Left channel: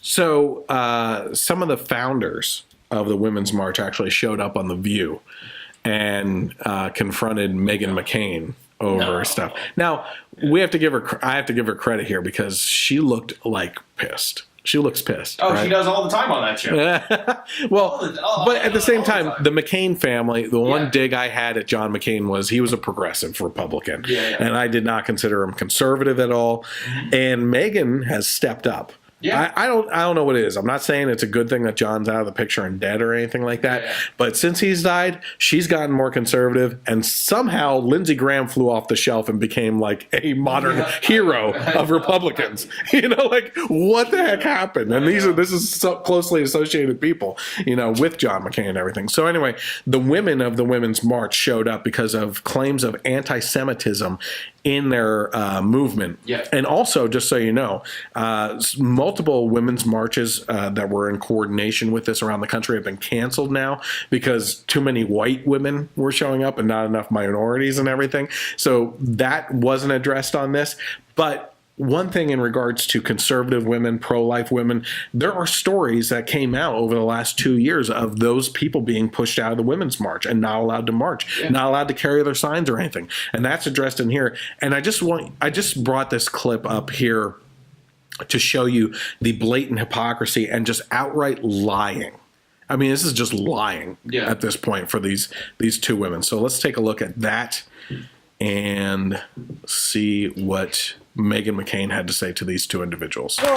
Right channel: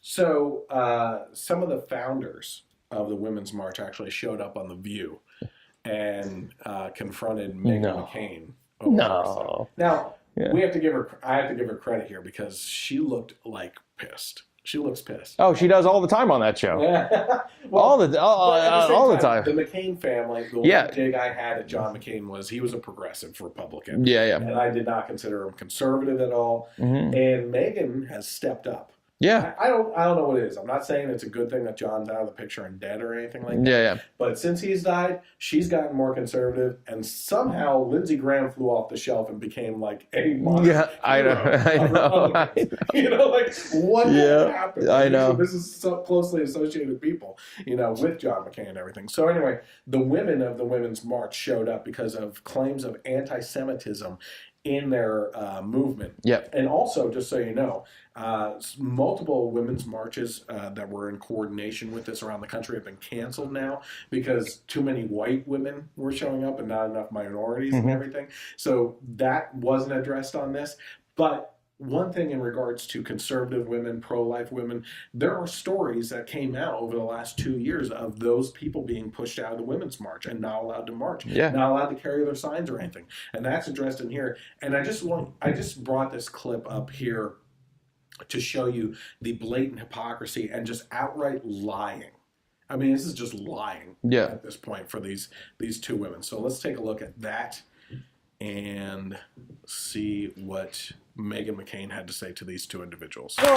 So some of the founders of the Women's March actually showed up on The View and confronted Meghan McCain over stuff. Now, I have to give her credit here because she looked like pissed. She looks pissed. Oh, right? She does all the time on that show. Well, but at the same time, the McCain family, the one dig I had at John McCain was he was a progressive Republican. And I did not consider him conservative at all. And Meghan has stepped up. I don't know what it is. I'm not saying it's a good thing that John's out of the picture and dead or anything like that. But since he's died, she's gotten more conservative, and somehow Lindsey Graham flew off the shelf and became like a modern hero of Republicans. You know, like what the heck happened? And this is so closely associated people, you know, with John McCain and everything. So anyway, the women of the Women's March showed up because of claims of anti-Semitism in their movement. And also, just so you know, multiple women's marches that were in coordination with this around the country have been canceled now because too many white women were showing up and not enough minorities and everything. So that wasn't addressed on this. But one thing in regards to conservative women, pro-life women, there are stories that came out over the last 2 years of those people being pushed out of the Women's March and not allowed to march, not allowed to carry their signs or anything. And that's addressed in here. And I just brought this clip up here to show you the blatant hypocrisy and just outright lying. I mean, this is just lying at this point for these two women. So let's take a look at that and see what Meghan McCain had to say to these two individuals. Well,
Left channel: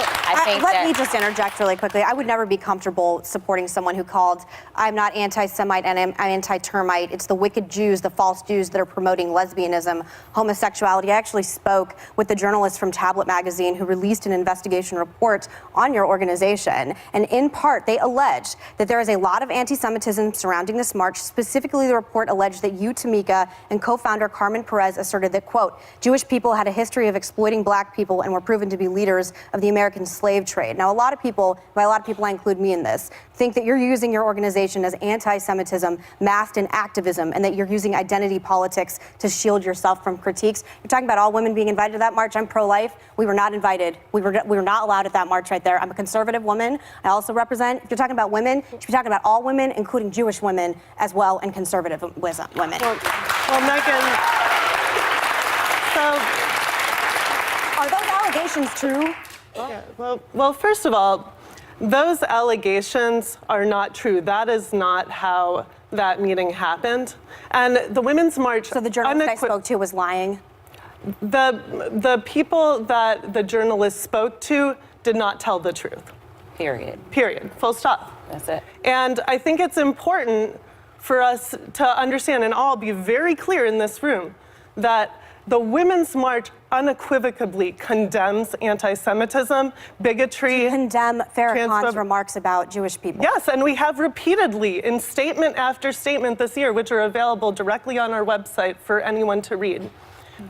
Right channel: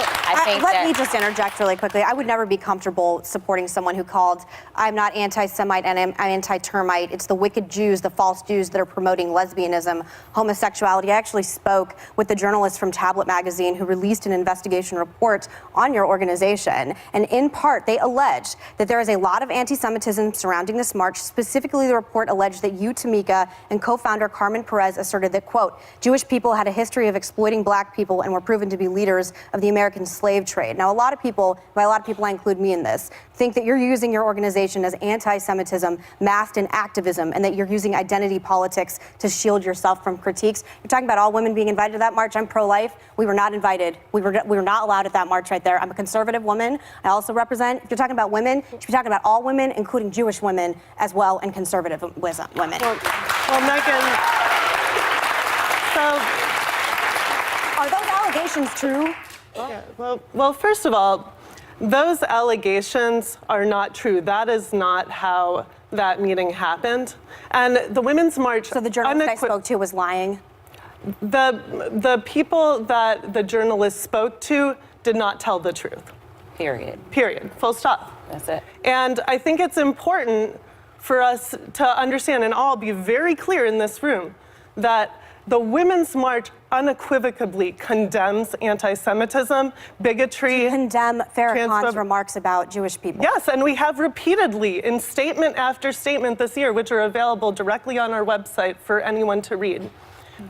let me just interject really quickly. I would never be comfortable supporting someone who called, I'm not anti-Semite and I'm anti-termite. It's the wicked Jews, the false Jews that are promoting lesbianism, homosexuality. I actually spoke with the journalist from Tablet magazine who released an investigation report on your organization. And in part, they alleged that there is a lot of anti-Semitism surrounding this march. Specifically, the report alleged that you, Tamika, and co-founder Carmen Perez asserted that, quote, Jewish people had a history of exploiting black people and were proven to be leaders of the American slave trade. Now, a lot of people, by a lot of people I include me in this, think that you're using your organization as anti-Semitism masked in activism and that you're using identity politics to shield yourself from critiques. You're talking about all women being invited to that march. I'm pro-life. We were not invited. We were not allowed at that march right there. I'm a conservative woman. I also represent, if you're talking about women, you should be talking about all women, including Jewish women as well, and conservative women. Well, Meghan, so... Are those allegations true? Well, first of all, those allegations are not true. That is not how that meeting happened. And the Women's March... So the journalist I spoke to was lying? The people that the journalist spoke to did not tell the truth. Period. Period. Full stop. That's it. And I think it's important for us to understand and all be very clear in this room that the Women's March unequivocally condemns anti-Semitism, bigotry. To condemn Farrakhan's remarks about Jewish people. Yes, and we have repeatedly in statement after statement this year, which are available directly on our website for anyone to read.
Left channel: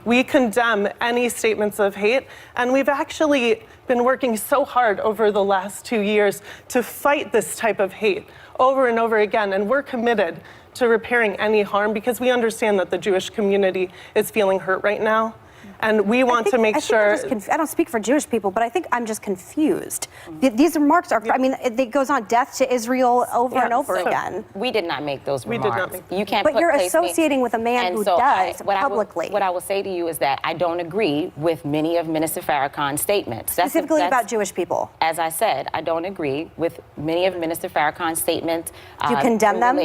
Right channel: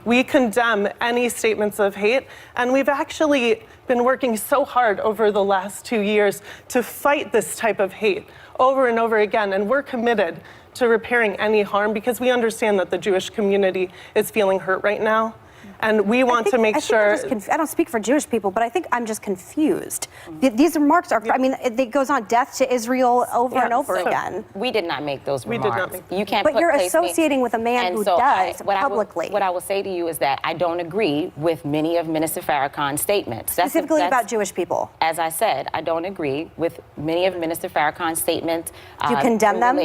We condemn any statements of hate, and we've actually been working so hard over the last 2 years to fight this type of hate over and over again, and we're committed to repairing any harm because we understand that the Jewish community is feeling hurt right now. And we want to make sure... I don't speak for Jewish people, but I think I'm just confused. These remarks are, I mean, it goes on death to Israel over and over again. We did not make those remarks. You can't But you're associating with a man who does publicly. What I will say to you is that I don't agree with many of Minister Farrakhan's statements. Specifically about Jewish people. As I said, I don't agree with many of Minister Farrakhan's statements. Do you condemn them?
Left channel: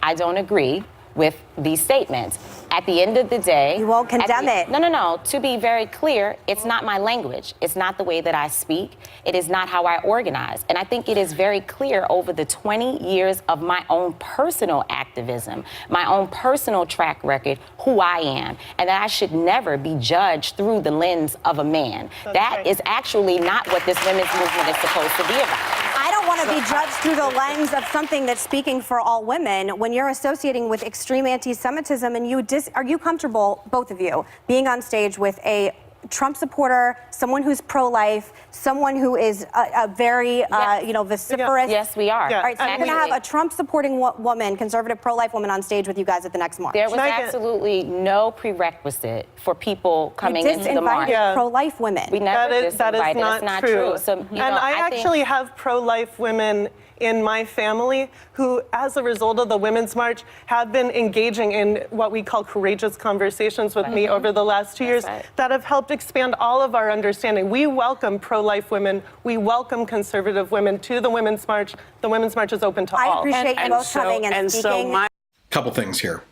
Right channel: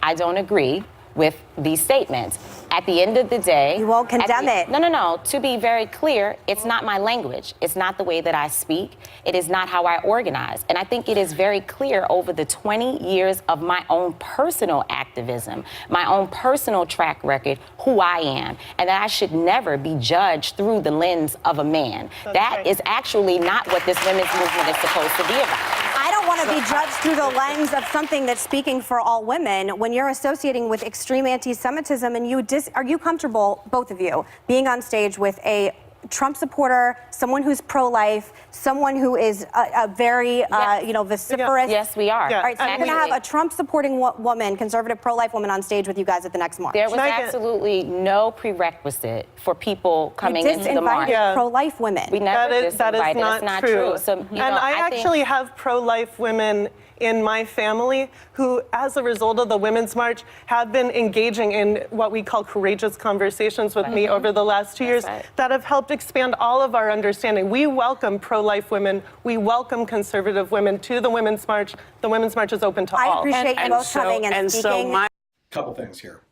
I don't agree with these statements. At the end of the day... You won't condemn it. No. To be very clear, it's not my language. It's not the way that I speak. It is not how I organize. And I think it is very clear over the 20 years of my own personal activism, my own personal track record, who I am, and that I should never be judged through the lens of a man. That is actually not what this women's movement is supposed to be about. I don't want to be judged through the lens of something that's speaking for all women. When you're associating with extreme anti-Semitism and are you comfortable, both of you, being on stage with a Trump supporter, someone who's pro-life, someone who is a very, vociferous. Yes, we are. All right, so we're going to have a Trump-supporting woman, conservative pro-life woman on stage with you guys at the next march. There was absolutely no prerequisite for people coming into the march. Pro-life women. We never that is disinvited. not That's not true. So, and I actually have pro-life women in my family who, as a result of the Women's March, have been engaging in what we call courageous conversations with me over the last 2 years that have helped expand all of our understanding. We welcome pro-life women. We welcome conservative women to the Women's March. The Women's March is open to all. I appreciate you both coming and speaking. Couple things here.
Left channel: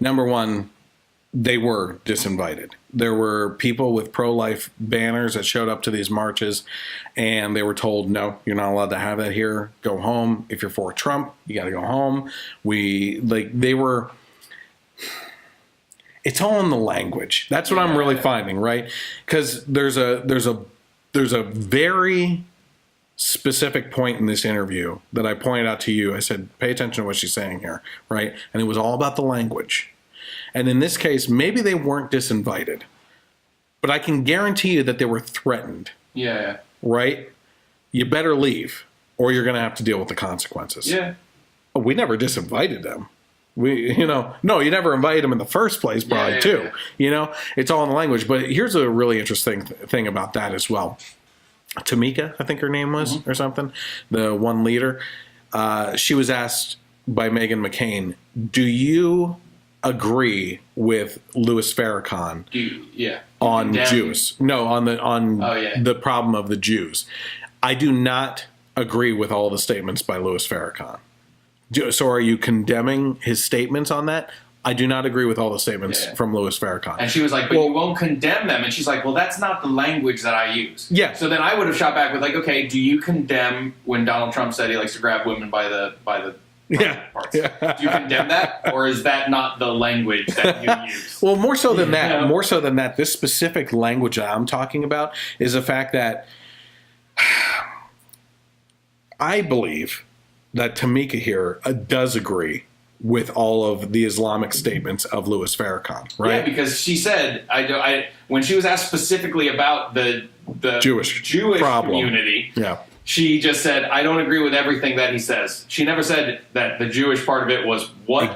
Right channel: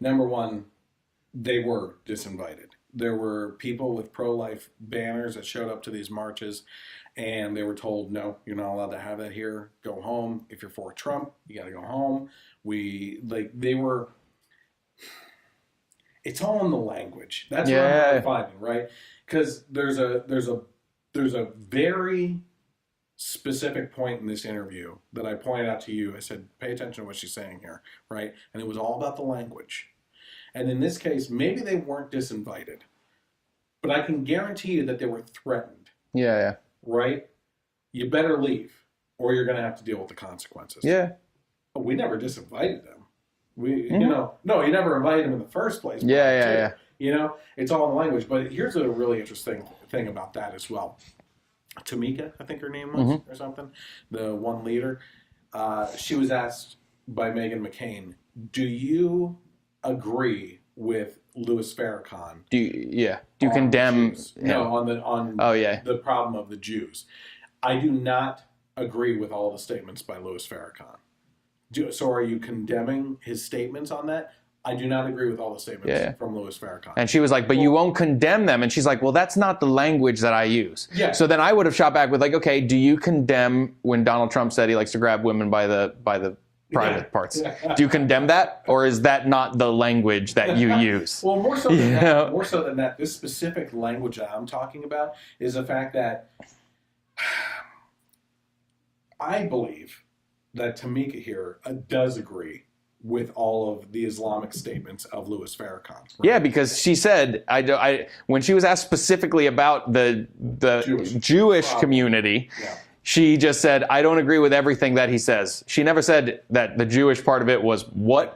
Number one, they were disinvited. There were people with pro-life banners that showed up to these marches, and they were told, no, you're not allowed to have that here. Go home. If you're for Trump, you got to go home. It's all in the language. That's what I'm really finding, right? Because there's a very specific point in this interview that I pointed out to you. I said, pay attention to what she's saying here, right? And it was all about the language. And in this case, maybe they weren't disinvited, but I can guarantee you that they were threatened. Yeah. Right? You better leave, or you're going to have to deal with the consequences. Yeah. We never disinvited them. You never invited them in the first place, probably, too. Yeah. You know, it's all in the language. But here's a really interesting thing about that as well. Tamika, I think her name was, or something, the one leader. She was asked by Meghan McCain, do you agree with Louis Farrakhan on Jews? No, on the problem of the Jews. I do not agree with all the statements by Louis Farrakhan. So are you condemning his statements on that? I do not agree with all the statements from Louis Farrakhan. And she was like, but you won't condemn them. And she's like, well, that's not the language that I use. Yeah. So then I would have shot back with like, okay, do you condemn when Donald Trump said he likes to grab women by the private parts? Yeah. Do you condemn that, or is that not the language that you use? Well, more so than that. More so than that, this specific language that I'm talking about is the fact that I believe that Tamika here does agree with all of the Islamic statements of Louis Farrakhan, right? Yeah, because she said, when she was asked specifically about the Jewish community, she just said, I don't agree with everything that he says. She never said that the Jewish part of it was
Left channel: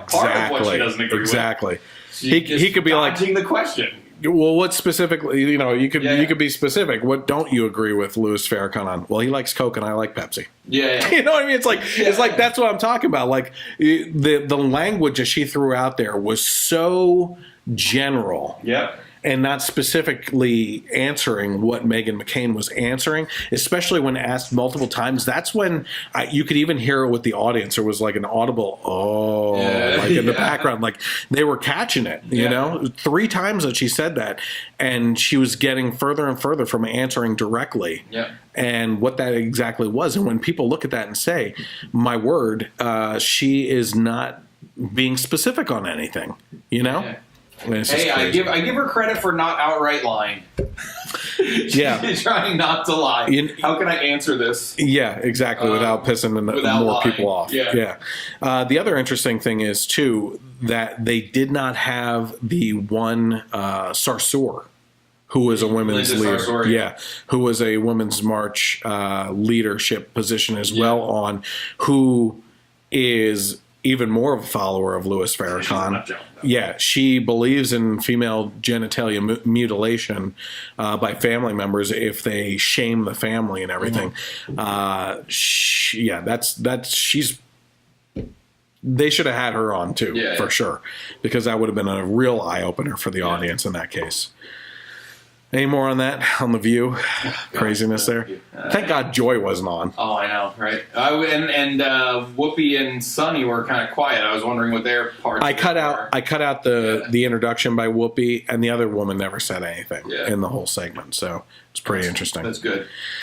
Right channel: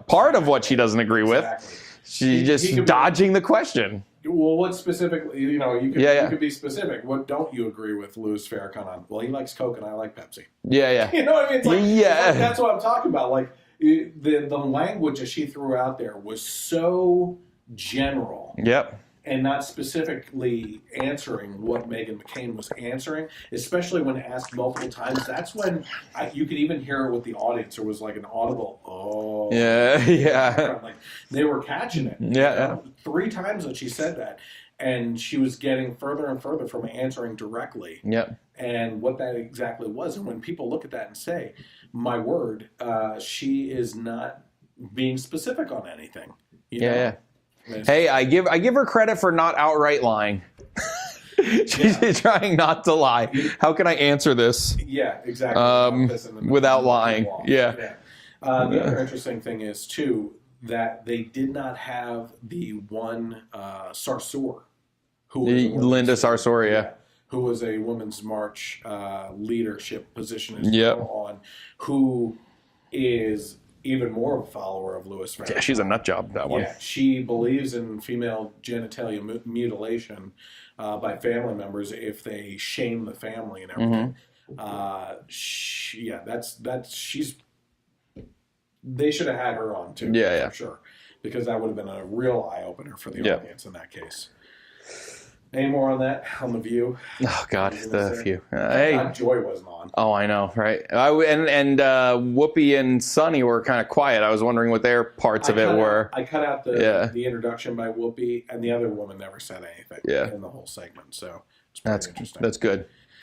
part of what she doesn't agree with. Exactly. He could be dodging the question. Well, what specifically, you could be specific. What don't you agree with Louis Farrakhan on? Well, he likes Coke and I like Pepsi. Yeah. You know what I mean? It's like that's what I'm talking about. Like the language that she threw out there was so general. Yep. And not specifically answering what Meghan McCain was answering, especially when asked multiple times. That's when you could even hear it with the audience. There was like an audible, in the background. Like they were catching it, you know? 3 times that she said that. And she was getting further and further from answering directly. Yep. And what that exactly was. And when people look at that and say, my word, she is not being specific on anything, you know? Yeah. Hey, I give her credit for not outright lying. She's trying not to lie. How can I answer this? Yeah, exactly. Without pissing more people off. Yeah. The other interesting thing is too that they did not have the one Sarsour, who was a women's leader. Sarsour, who was a women's march leadership position as well on, who is even more of a follower of Louis Farrakhan. She's a nut job. She believes in female genitalia mutilation by family members if they shame the family and everything. They should have had her on too, for sure, because that would have been a real eye opener for the audience in that case. Any more on that? On The View? Oh, gosh, craziness there? Thank God Joy wasn't on. Oh, I know, right? And Whoopi and Sonny were kind of quiet. I was wondering what their parts of it were. I cut out the introduction by Whoopi, and the other woman never said anything in the whole segment. So it's pretty interesting. That's good.